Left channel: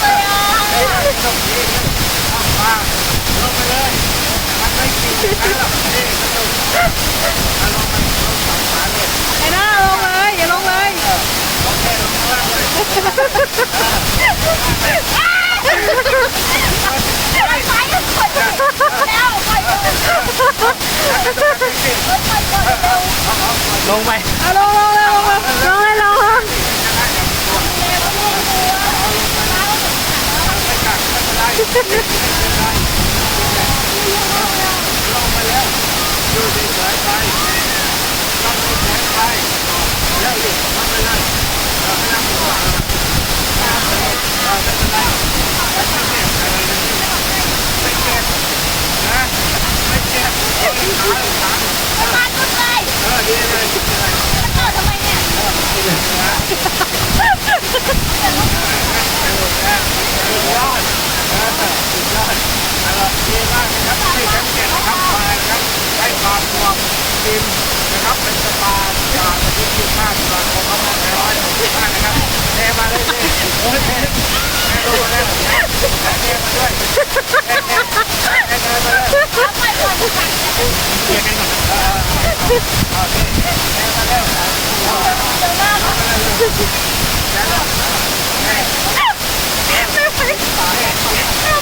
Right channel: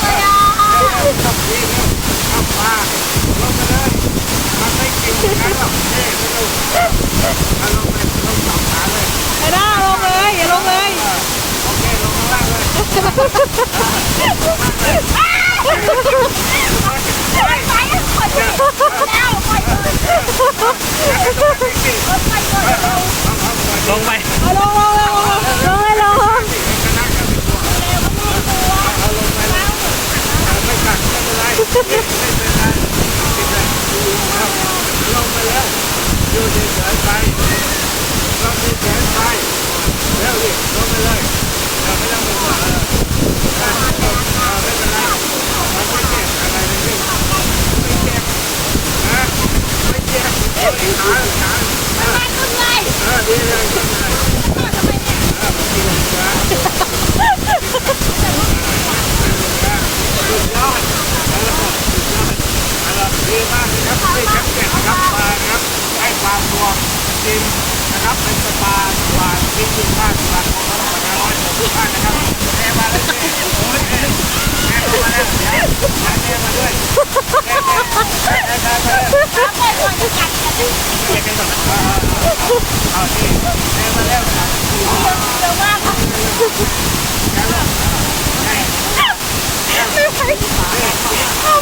เลยอ่ะ ตบดีเลยเอาปลาลงไปเลยมันไม่กินอย่างนั้นหรอกนี่เอาลงไปลงจับขาเลย ไอ้หน้าลงเลยอย่าลงเลย โอเคลงข้างล่างเลย ไปไปไปแล้วไปเลยไปเลย ลงไป เอาลงลงลงลงลงให้ลง ไม่กัดไม่เป็นไรไม่เป็นไรลงไปแล้วอยู่เฉยๆไปลงเฉยๆไปแล้วรีบลงไปเลยไม่ต้องห่วงไม่เป็นไรไม่เจ็บอะไรเลยไม่เจ็บนะไม่เจ็บขาขา มาต้นเลย ดีเลยดีเลย ต่อทำไมเนี่ย ดีเลยนะสุดยอดสุดยอดดีมากนะครับที่ชั้นเจ็ดนะครับปลานะครับให้ปลาตัวกินนะครับเป็นสปาที่กินมากปลาของเขาแน่นอนมากนะครับแน่มาเลยโอ้ยแน่มาแล้วแน่มาด้วยแน่มาเลย ไปก่อนจะกัดจะ เคลียร์กันก่อนนะ โอเคแน่มาแล้ว เดี๋ยวมากค่ะ แน่แล้วแน่ ไม่ไหว แน่